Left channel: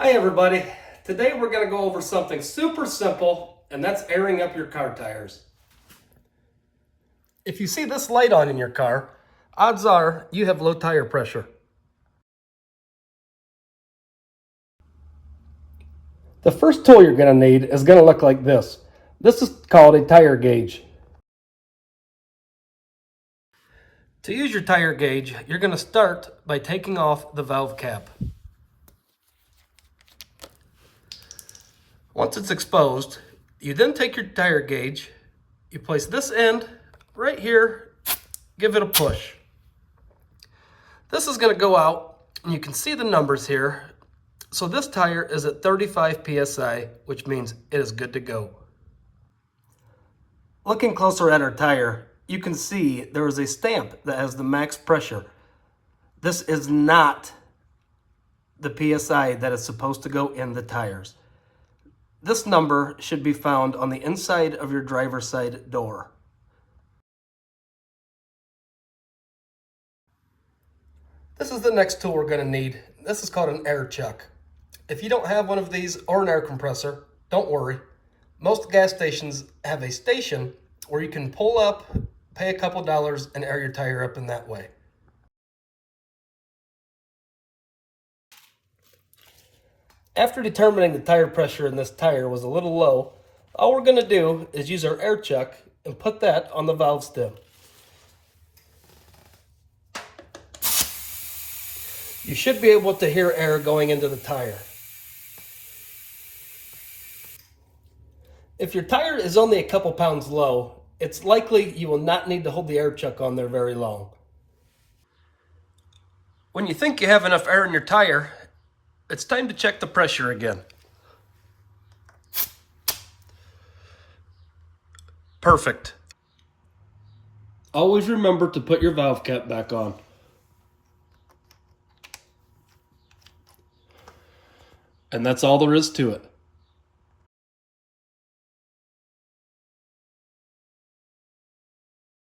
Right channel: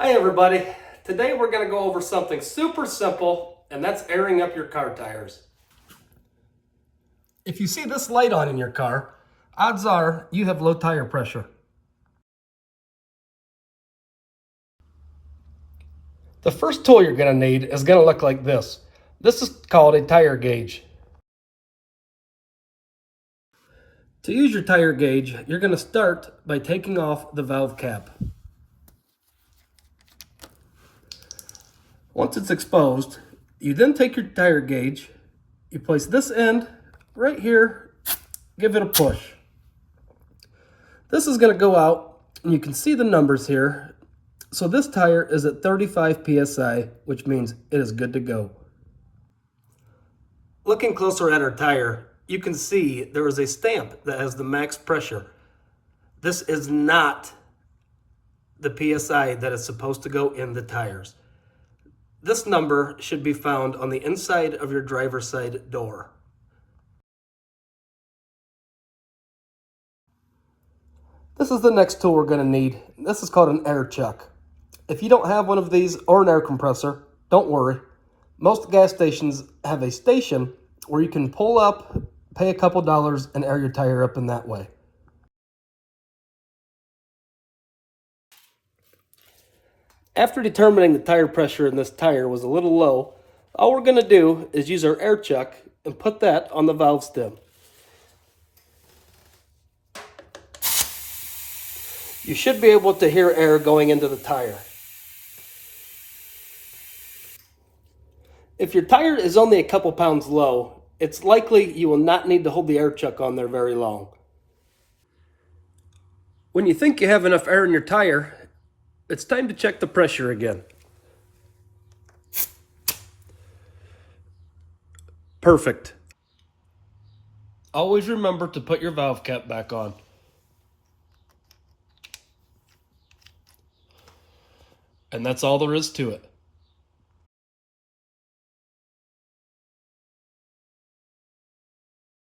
Hi everybody. Today we're going to go over something super simple, and that's airing up your car tires. If you see this light on in your car, odds are you have low tire pressure. The first tool you're going to need is going to look like this. This is called a tire gauge. To use your tire gauge, you're going to start by taking off the valve cap. Once it's exposed, you then take your tire gauge, you place this end right here, give it a push. This is going to go out, and you can see the numbers here. So this tire is at 35 psi, which means it is good to go. Looking closer at our tire, you can see there is a stamp that has the max pressure. This is not the psi that is supposed to go in the tires. This number should be found on the inside of your driver's side door. This is the next tool we're going to need. This is called an air chuck. If you don't have one of these or an air compressor, don't worry. Most gas stations have a station where you can pull up, pay a couple dollars, and air your tire up in that way. After determining the tire pressure in this tire was a little low, all we're going to do is use our air chuck and put that on the valve stem. You should be able to hear air going into the tire. If your tire is only a couple pounds low, it's likely you will not need to hold the air chuck on there very long. When you think you have enough air in your tire, it's time to check the pressure again. Perfect. Always remember to put your valve cap back on. And that's all there is to it.